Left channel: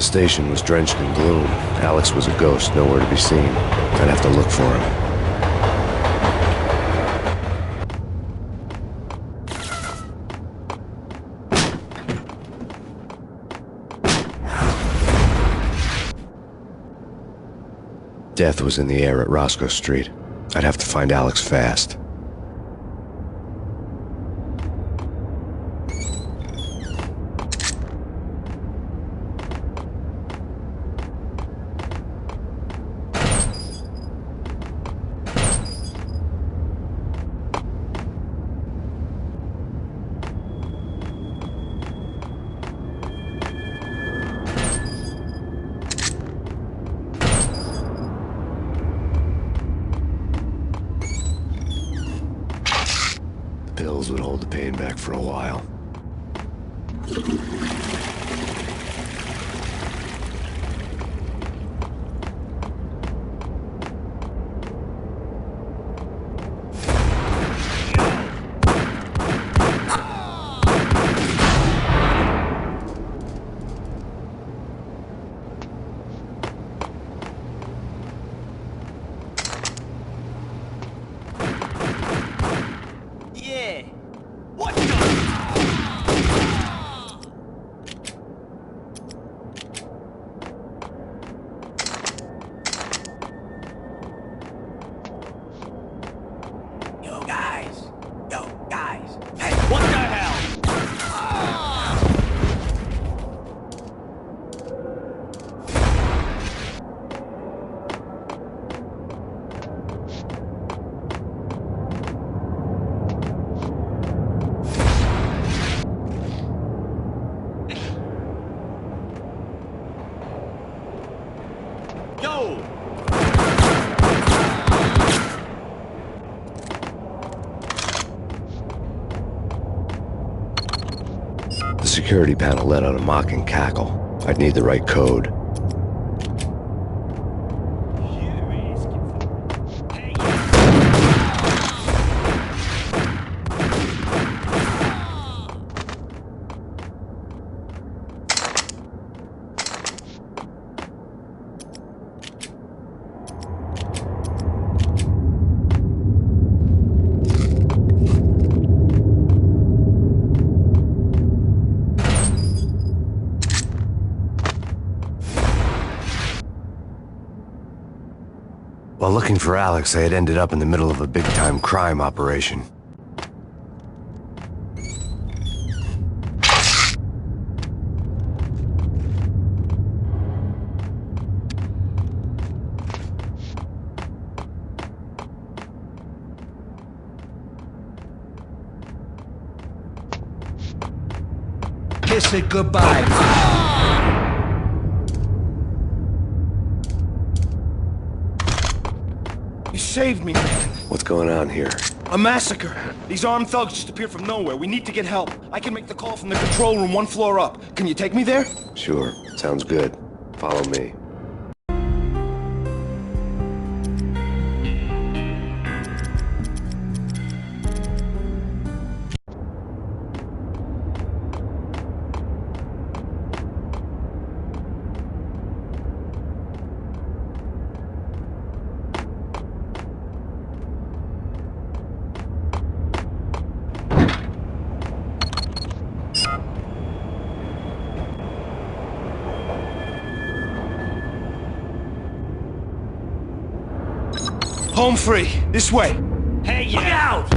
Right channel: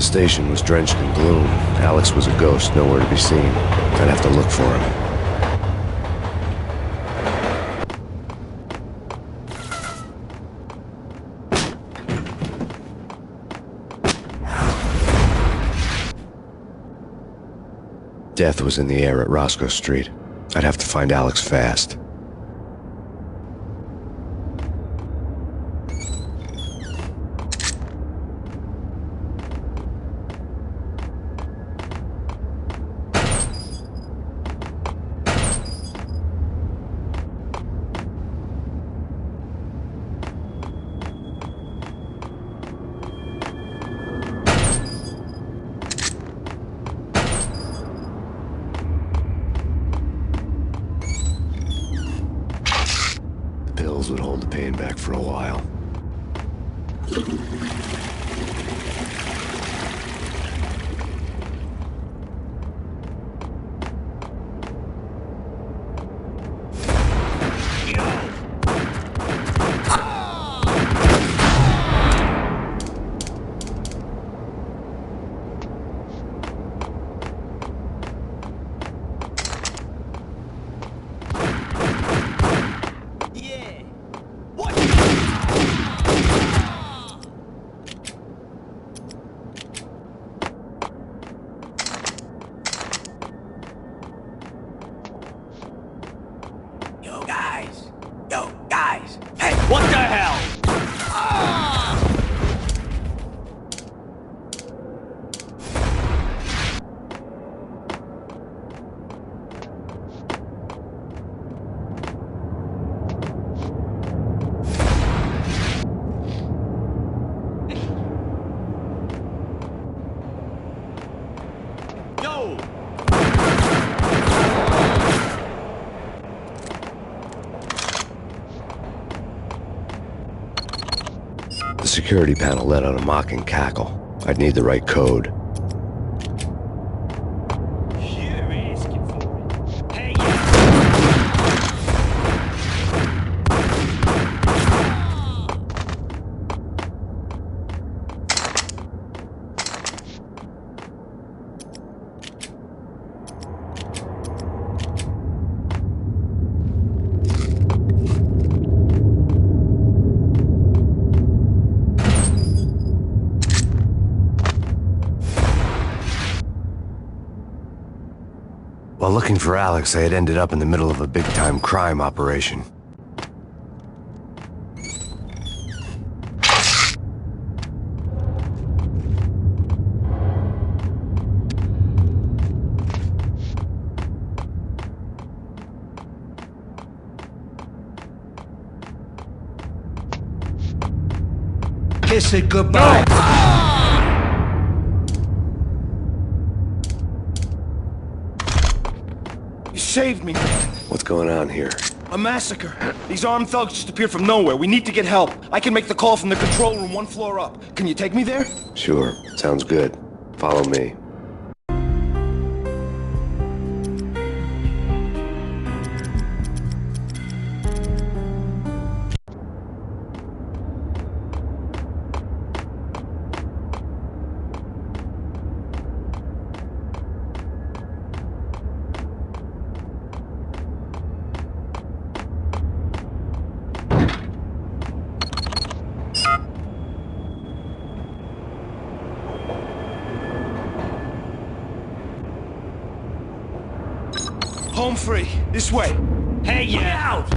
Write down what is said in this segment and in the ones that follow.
The station was drenched in gloom. Alex was a ghost, nowhere to be seen. I'd have to look for him. Death was in the air at Roscoe Street. I'd have to find Alex fast. Pills would hold the pain back for a while. Yo, guys! Hey, what the hell? Yo! The security panel let out a mocking cackle. I'd need the right code. You're asking for it. Hey, While looking for Alex, I had ended up in the middle of a big-time crime operation. Kiss it goodbye. You saved me, man. What's going on here? A massacre. These armed thugs just appeared from nowhere. We need to get help. I can make the call from the control room one floor up. Can you take me there? Sure. Sounds good. Follow me. Home free. This way. hey, Look yeah! out!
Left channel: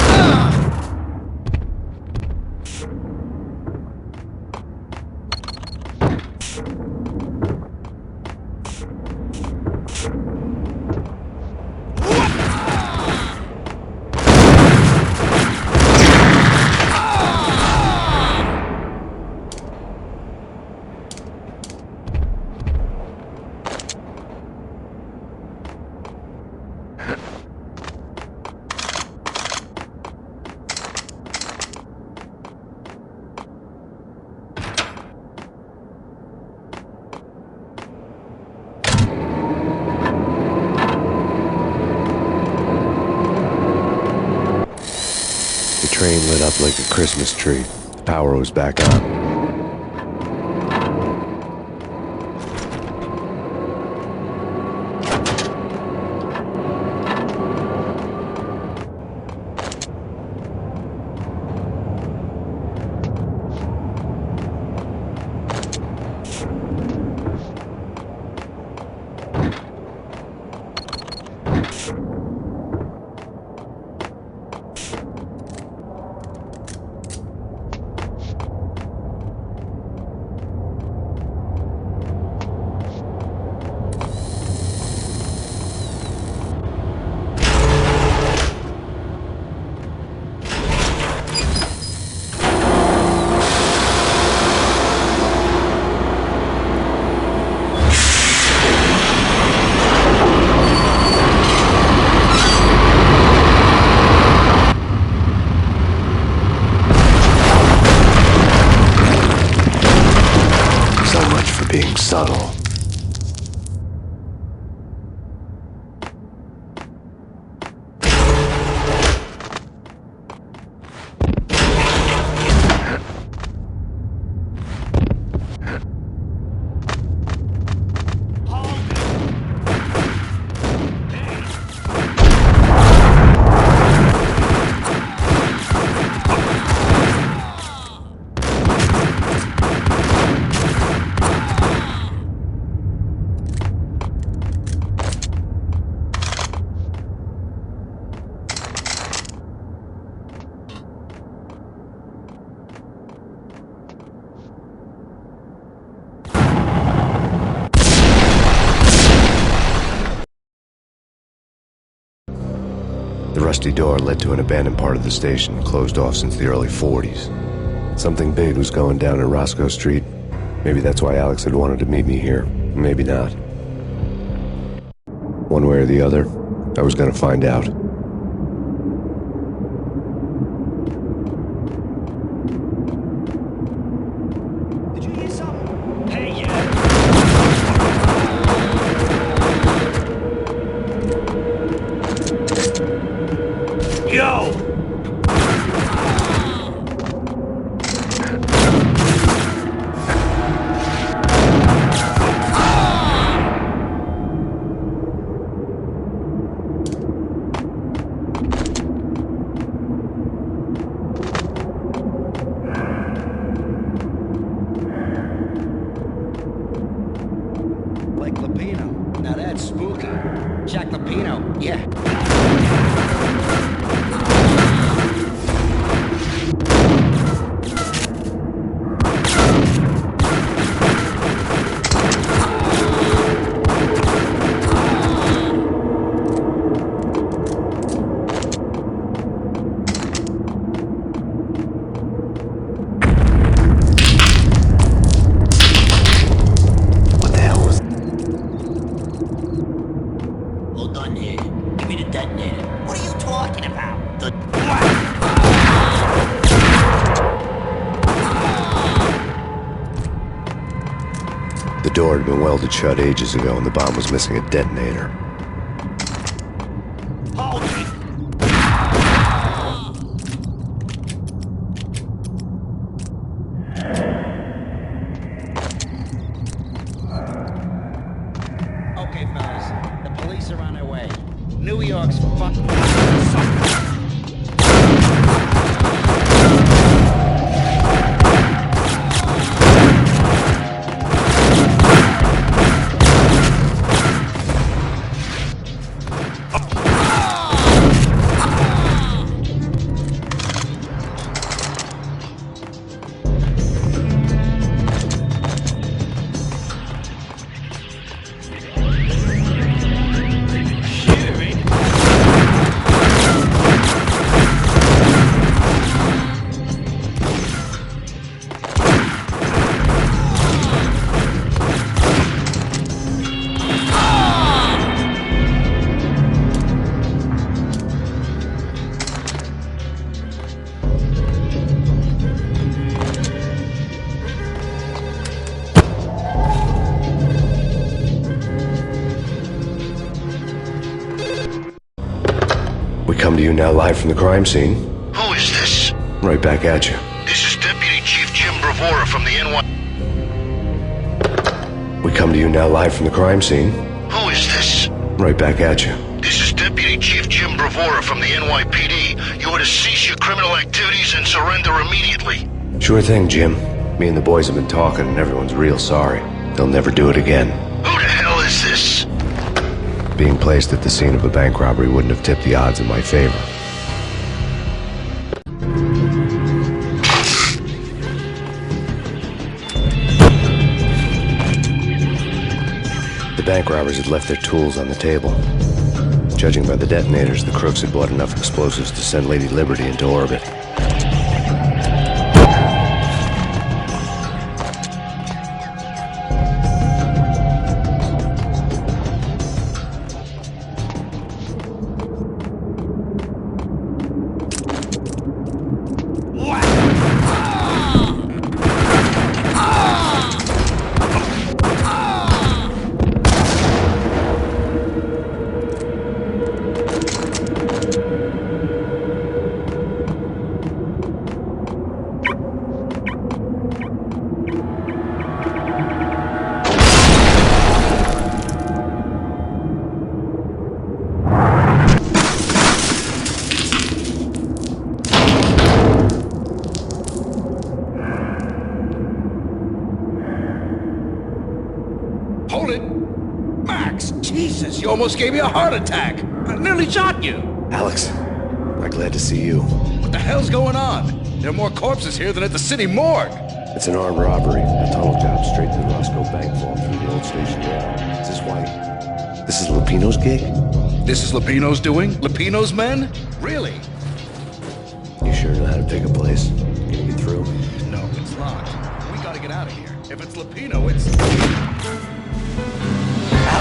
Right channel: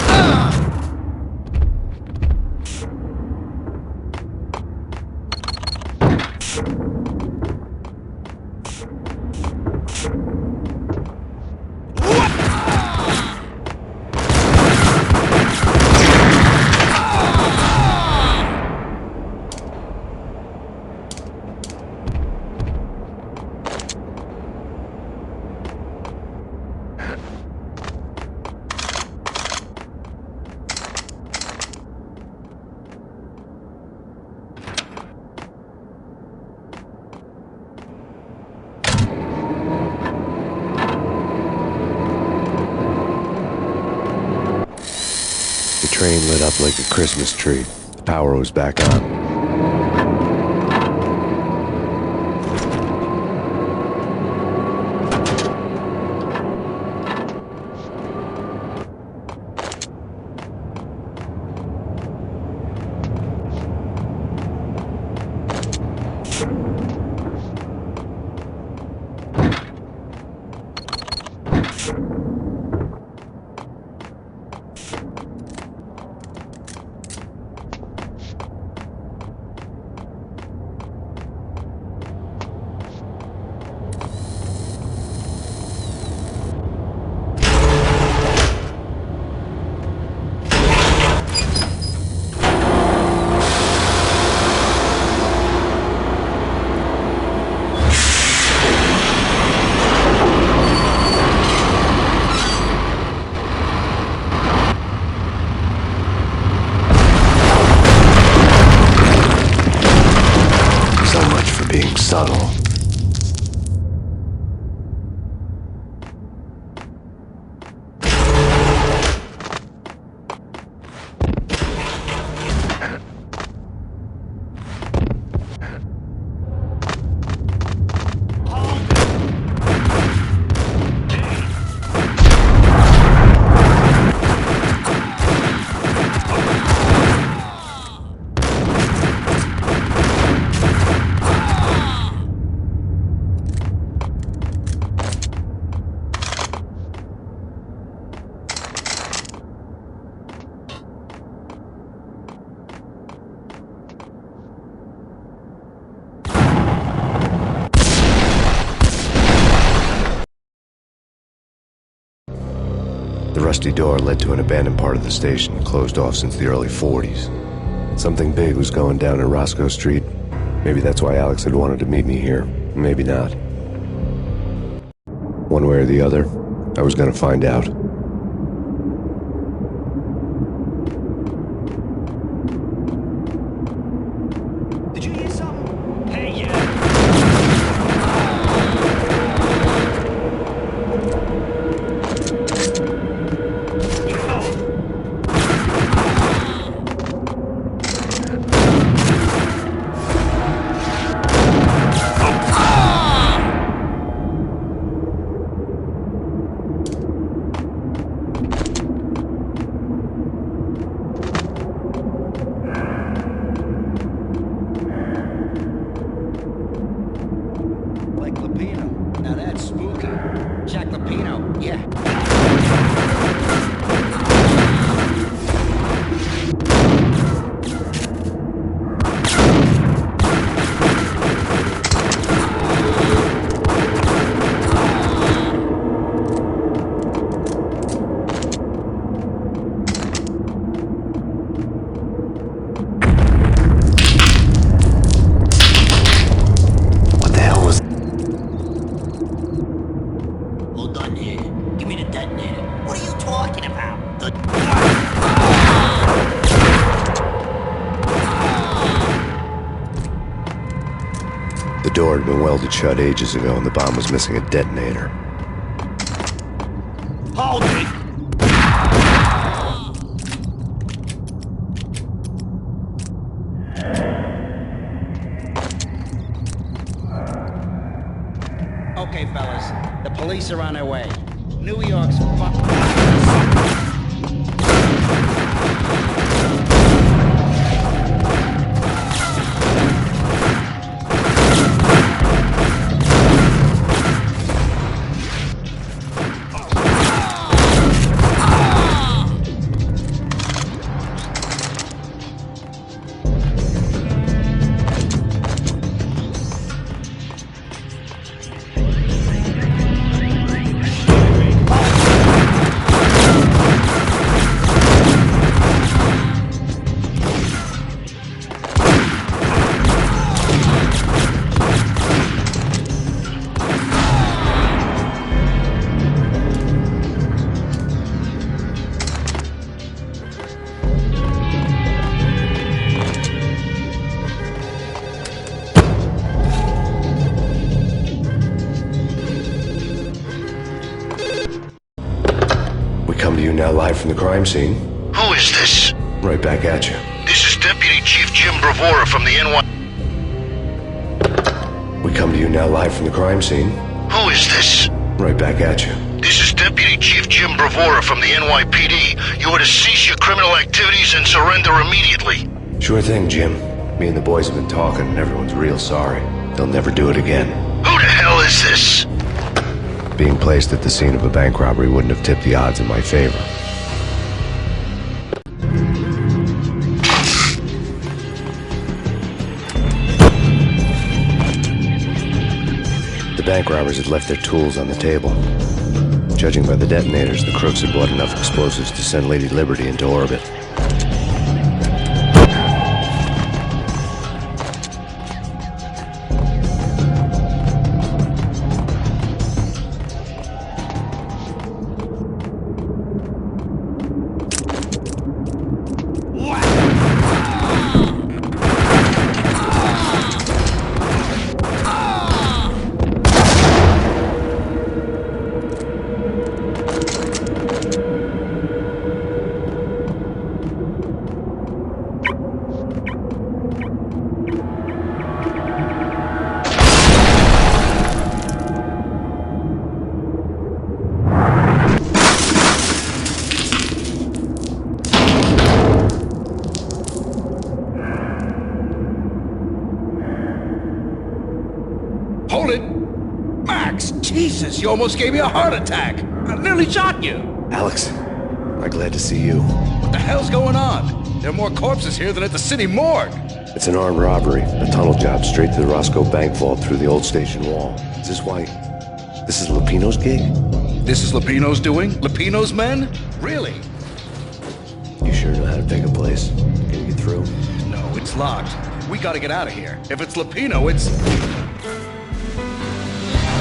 The train lit up like a Christmas tree. The power was back on. Being subtle. The rusty door led to an abandoned part of the station, closed off since the early 40s. Something big was going down at Roscoe Street. Maybe that's why Alex had wanted to meet me here. Maybe not. One way or the other, I was gonna find out. Did you hear something? Hey, Yo! Like Lapino. Now that's spooky. Jack Lapino, yeah. All done here. Give me the detonator. What are you talking about? The door had been welded shut ages ago and the bomb was missing a detonator. Hold it! Okay, fellas. The police are on their way. New York's fuck. We come to you now live from the crime scene. Who is this? Right back at you. This is Deputy Chief Jim Bravura from the NY... We come to you now live from the crime scene. Who is this? Right back at you. This is Deputy Chief Jim Bravura from the NYPD. You are to cease your criminal activities and surrender immediately. Sure thing, Jim. Me and the boys have been talking, and everyone's real sorry. They'll never do it again. Who the hell is this? Being placed at the scene of a bank robbery wouldn't have tipped the odds in my favor. The bank robbers had left their tools on the table. Judging by the detonators, the crooks had bought enough explosives to send Lady Liberty into orbit. Hold it! Max! Jesus, you almost gave me a heart attack! I nearly shot you! Alex, am I glad to see you. What the hell's going on? There are more corpses here than at the city morgue! It's an armed robbery, a tunnel job straight to the Roscoe Bank vault through the old station wall. Is this why... This is Lupino's gig? This is Lupino's doing? Lupino's men? Really? You sure know how to pick a place? Can you get through? No, it's locked. We gotta get out of here. If it's Lupino, it's...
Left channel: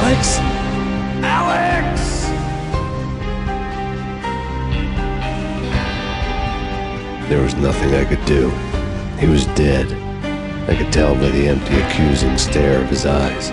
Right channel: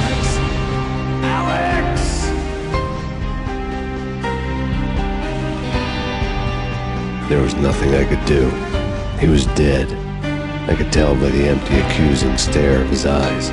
Alex? Alex! There was nothing I could do. He was dead. I could tell by the empty, accusing stare of his eyes.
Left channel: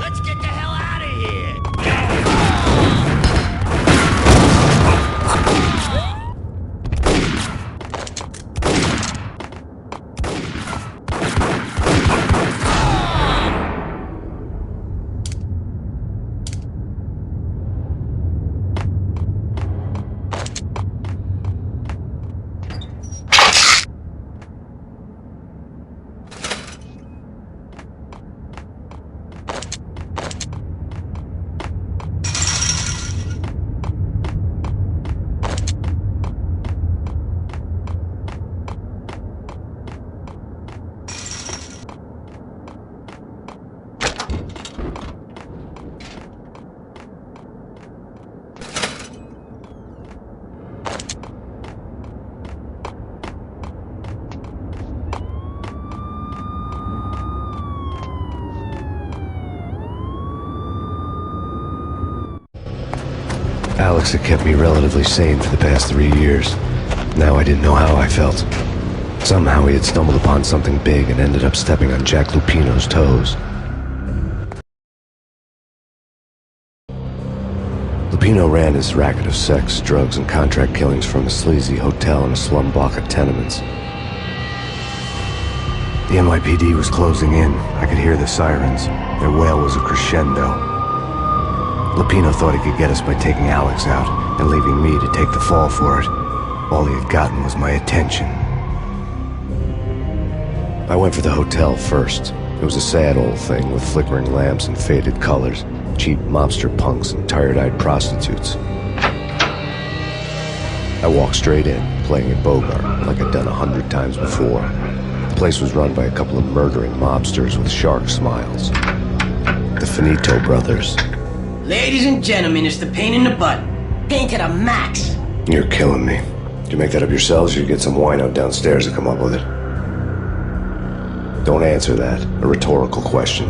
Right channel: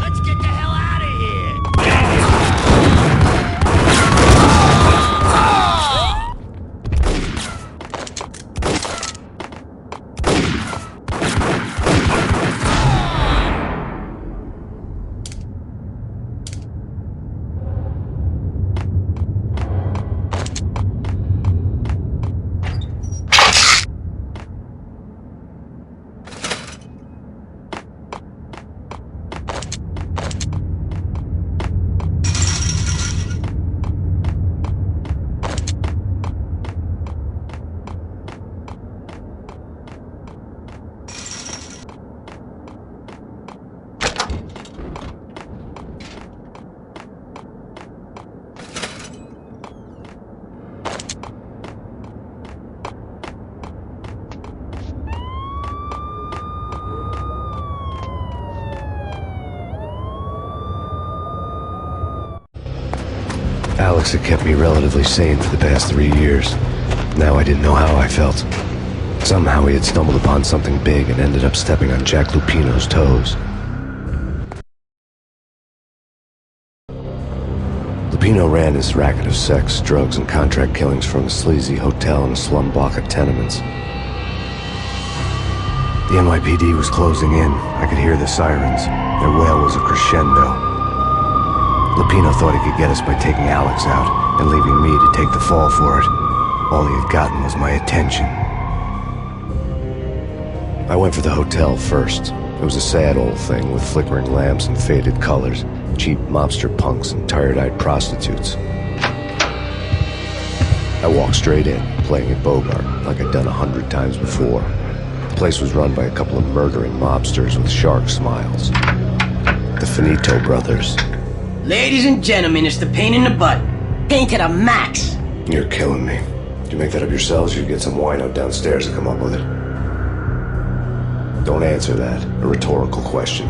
Let's get the hell out of here! Alex had kept me relatively sane for the past 3 years. Now I didn't know how I felt. Somehow he had stumbled upon something big and ended up stepping on Jack Lupino's toes. Lupino ran his racket of sex, drugs, and contract killings from a sleazy hotel in a slum block of tenements. The NYPD was closing in. I could hear the sirens. Their wail was a crescendo. Lupino thought he could get us by taking Alex out and leaving me to take the fall for it. All he had gotten was my attention. I went for the hotel first. It was a sad old thing with flickering lamps and faded colors, cheap mobster punks and tired-eyed prostitutes. I walked straight in, playing at Bogart, like I'd done 100 times before. The place was run by a couple of murdering mobsters with shark smiles. The Finito brothers. Ladies and gentlemen, it's the pain in the butt. Pain to the max. You're killing me. Did you make that up yourselves, or you get some wino downstairs to come up with it? Don't answer that. A rhetorical question.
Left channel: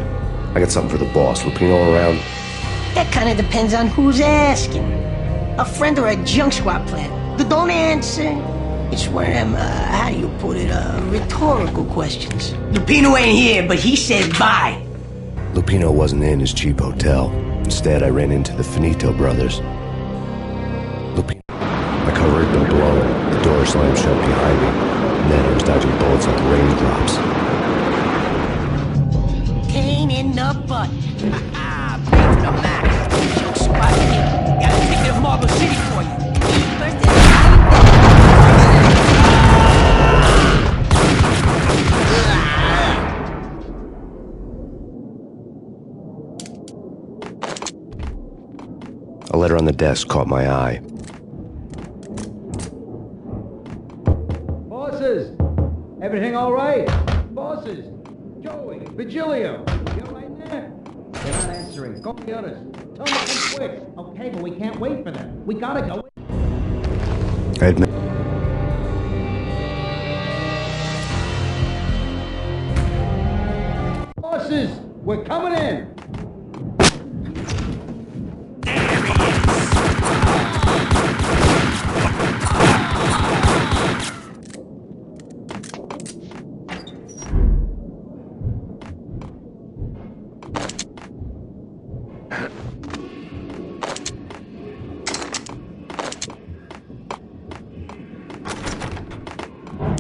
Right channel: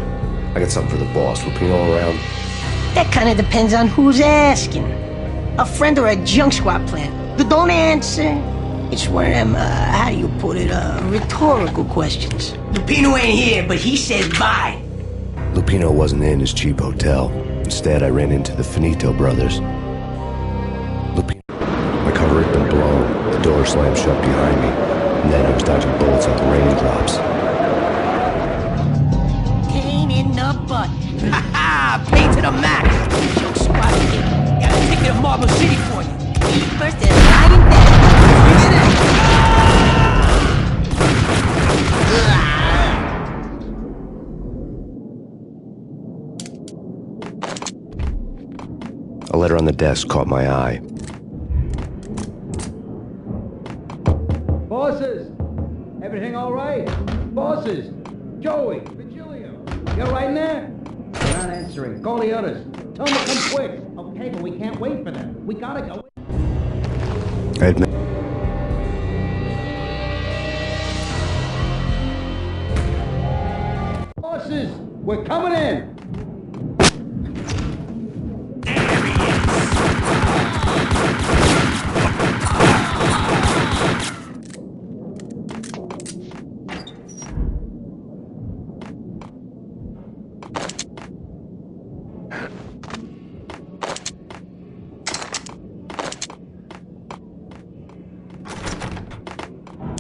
I got something for the boss. Lupino around? That kind of depends on who's asking. A friend or a junk squad plan. Don't answer. It's one of them, how do you put it, rhetorical questions. Lupino ain't here, but he said bye. Lupino wasn't in his cheap hotel. Instead, I ran into the Finito brothers. My cover had been blown, the door slammed shut behind me, and then I was dodging bullets like raindrops. Pain in the butt. Ha ha! Pain to the max. Joke squad kid. Got a ticket of Marble City for you. Eat first and lying down. Bring it in. A letter on the desk caught my eye. Bosses! Everything all right? Bosses! Joey, Virgilio, you all right in there? They're not answering. Call the others. Tell them to come quick. Okay, but we can't wait for them. We gotta go. I admit. Bosses! We're coming in!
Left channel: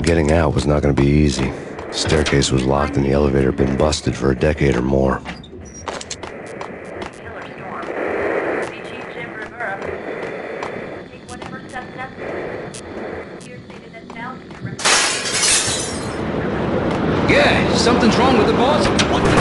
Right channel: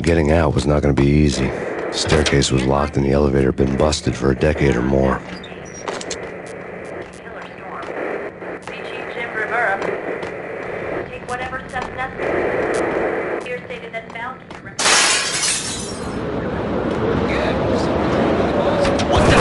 Getting out was not going to be easy. The staircase was locked and the elevator had been busted for a decade or more. Killer storm. See Chief Jim Rivera. Take whatever steps necessary. Here stated that bound to Yeah, something's wrong with the boss. What the?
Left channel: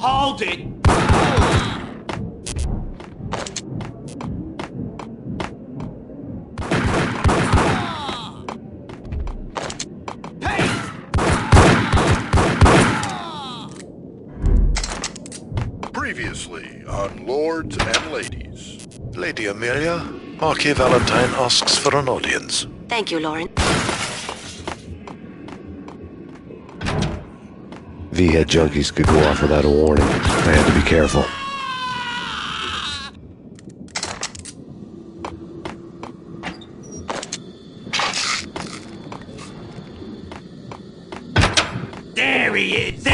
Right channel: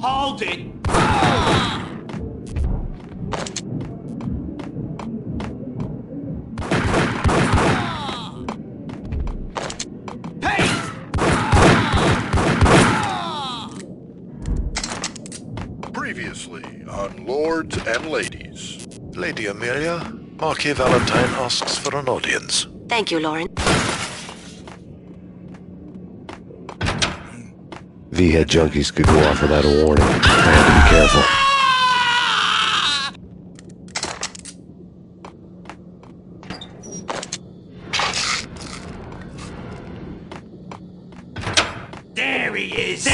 Hold it! Previously on Lords and Ladies. Lady Amelia, Marquis Valentine asks for an audience. Thank you, Lauren. V-head junkies could go off without a warning. I had to be careful. There he is!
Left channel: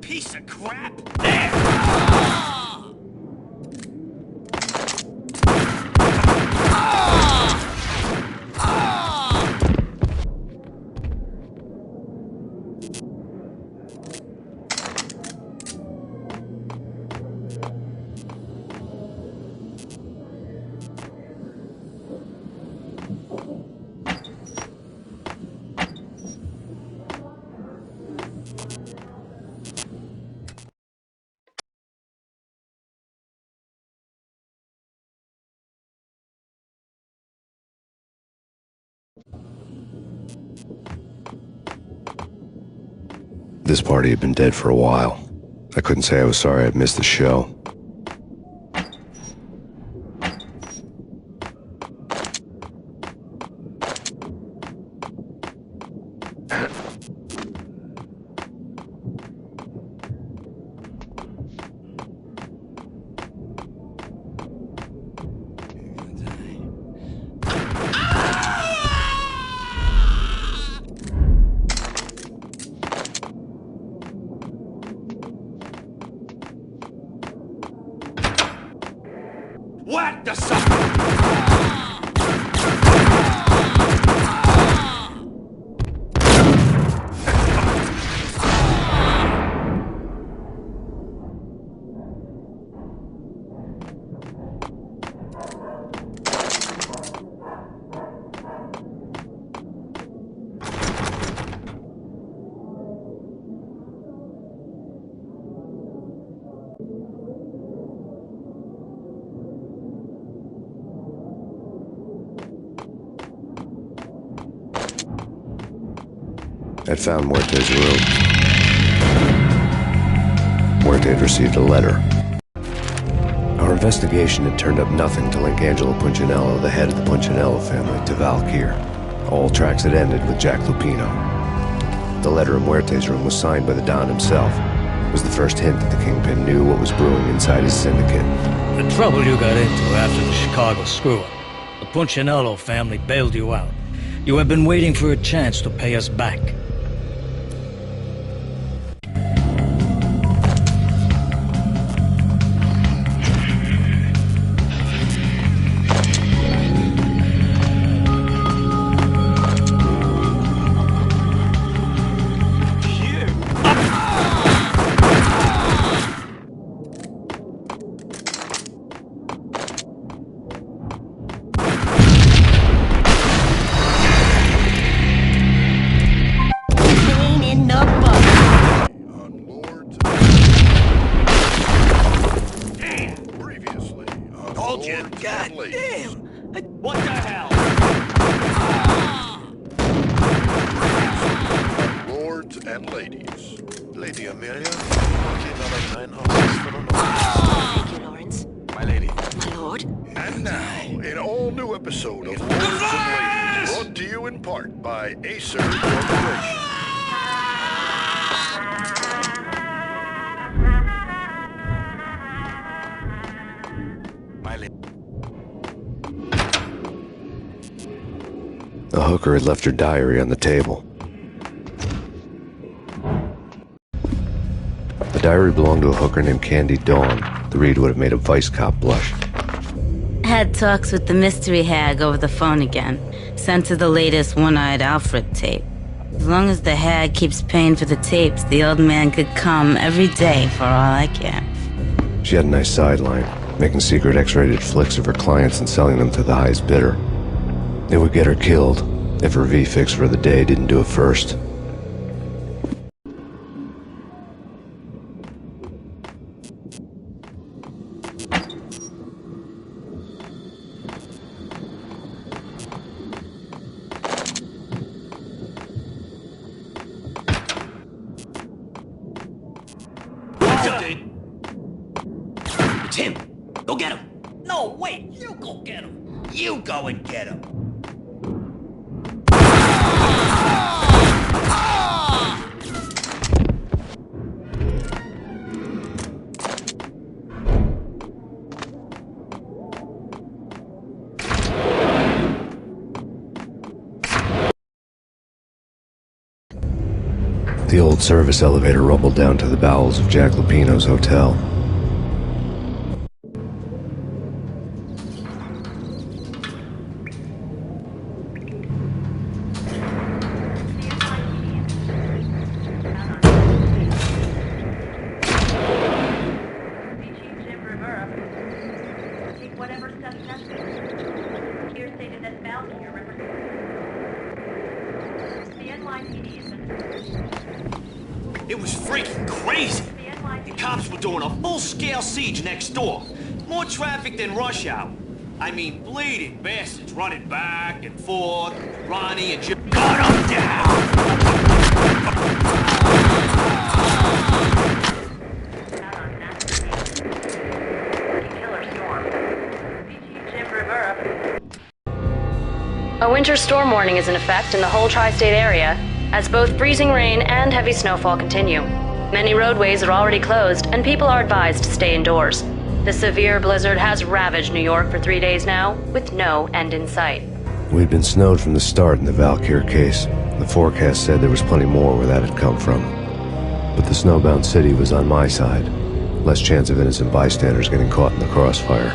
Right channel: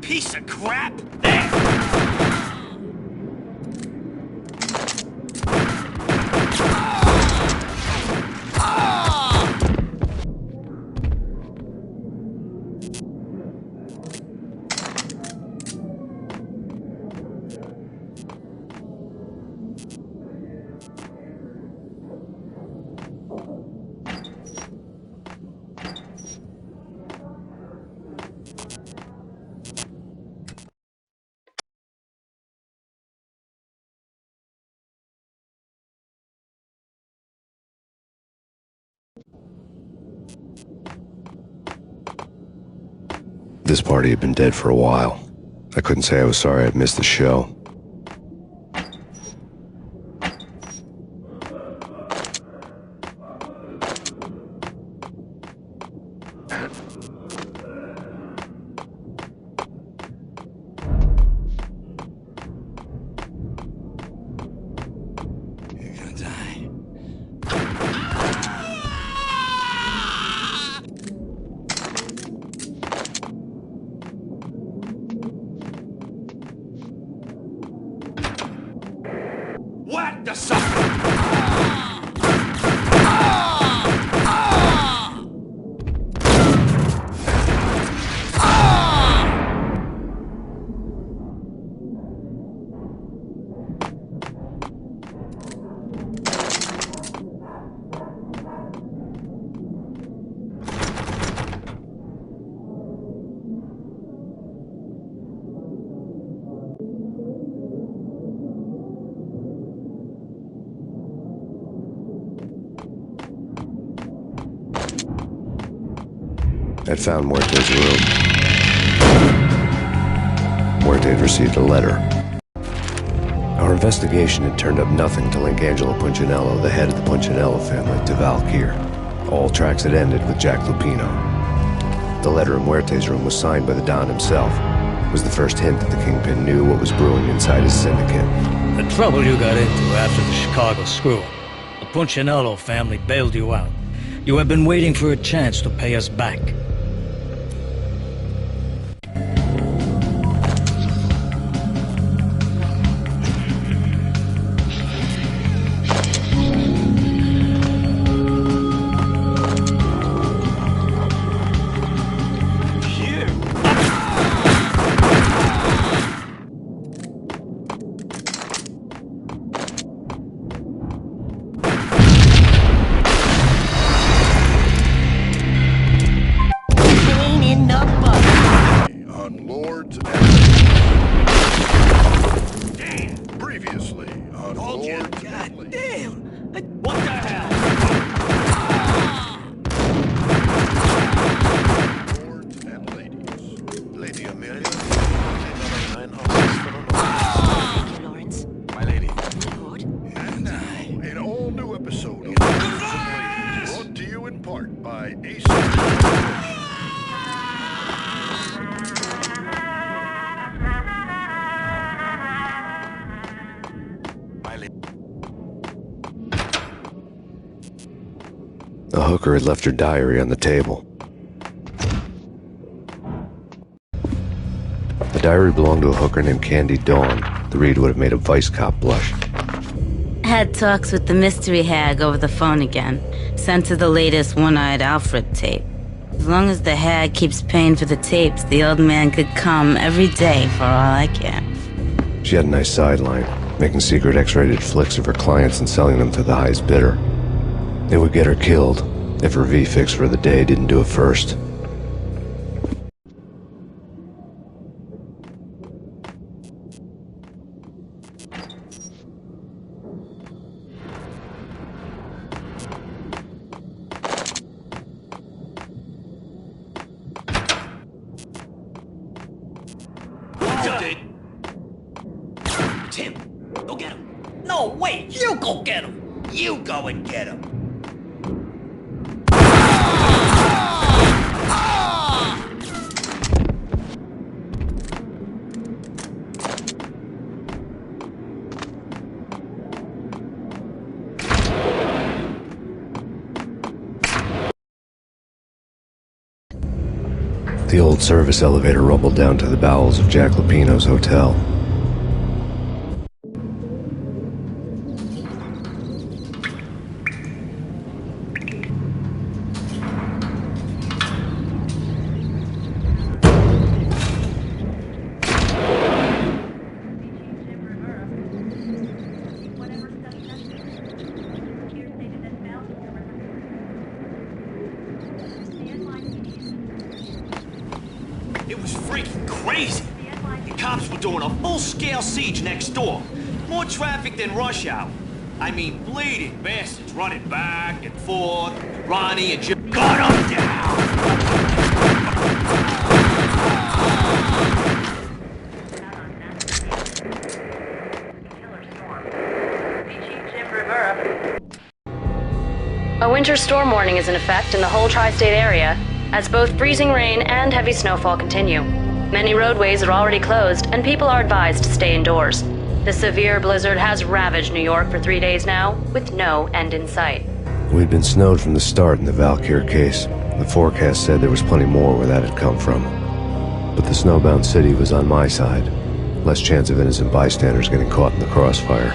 Piece of crap! There! This party had been dead for a while. I couldn't say I was sorry I'd missed the show. What the sucker? I'd found Muerte's room. Muerte had received a letter. Our investigation had turned up nothing to link Angelo Punchinello, the head of the Punchinello family, to Valkyr. All tracks had ended with Jack Lupino. The letter in Muerte's room was signed by the Don himself. It was the first hint that the Kingpin knew what was brewing inside his syndicate. The trouble you got into after the Chicago screw-up. The Punchinello family bailed you out. You have been waiting for a chance to pay us back. Lady Amelia, Marquis Valentine asks for an audience. Thank you, Lawrence. My lady. My lord. And now, an all-new episode of Lords and Ladies, brought to you in part by Ace Corporation. My lady. The hooker had left her diary on the table. The diary belonged to a hooker named Candy Dawn. The read would have made a vice cop blush. Had talks with the mystery hag over the phone again. Sent her the latest One-Eyed Alfred tape. As long as the hag keeps paying for the tapes, the old man could come every day for all I care. She had a nice sideline, making secret X-rated flicks of her clients and selling them to the highest bidder. It would get her killed if her V-fix for the day didn't do it first. It's him. Go get him. No, wait. You go get him. You go and get him. The old service elevator rumbled down to the bowels of Jack Lupino's hotel. It was freaking crazy. The cops were doing a full-scale siege next door. More traffic than rush hour. I mean, bleeding bastards running back and forth. Ronnie and Jim. Gun them down! A winter storm warning is in effect in the whole tri-state area, as both freezing rain and heavy snowfall continue. Many roadways are already closed, and people are advised to stay indoors. The severe blizzard has ravaged New York for 3 days now, with no end in sight. We'd been snowed from the start in the Valkyr case. The forecast said there was plenty more where that had come from. But the snowbound city was on my side. Less chance of innocent bystanders getting caught in the crossfire.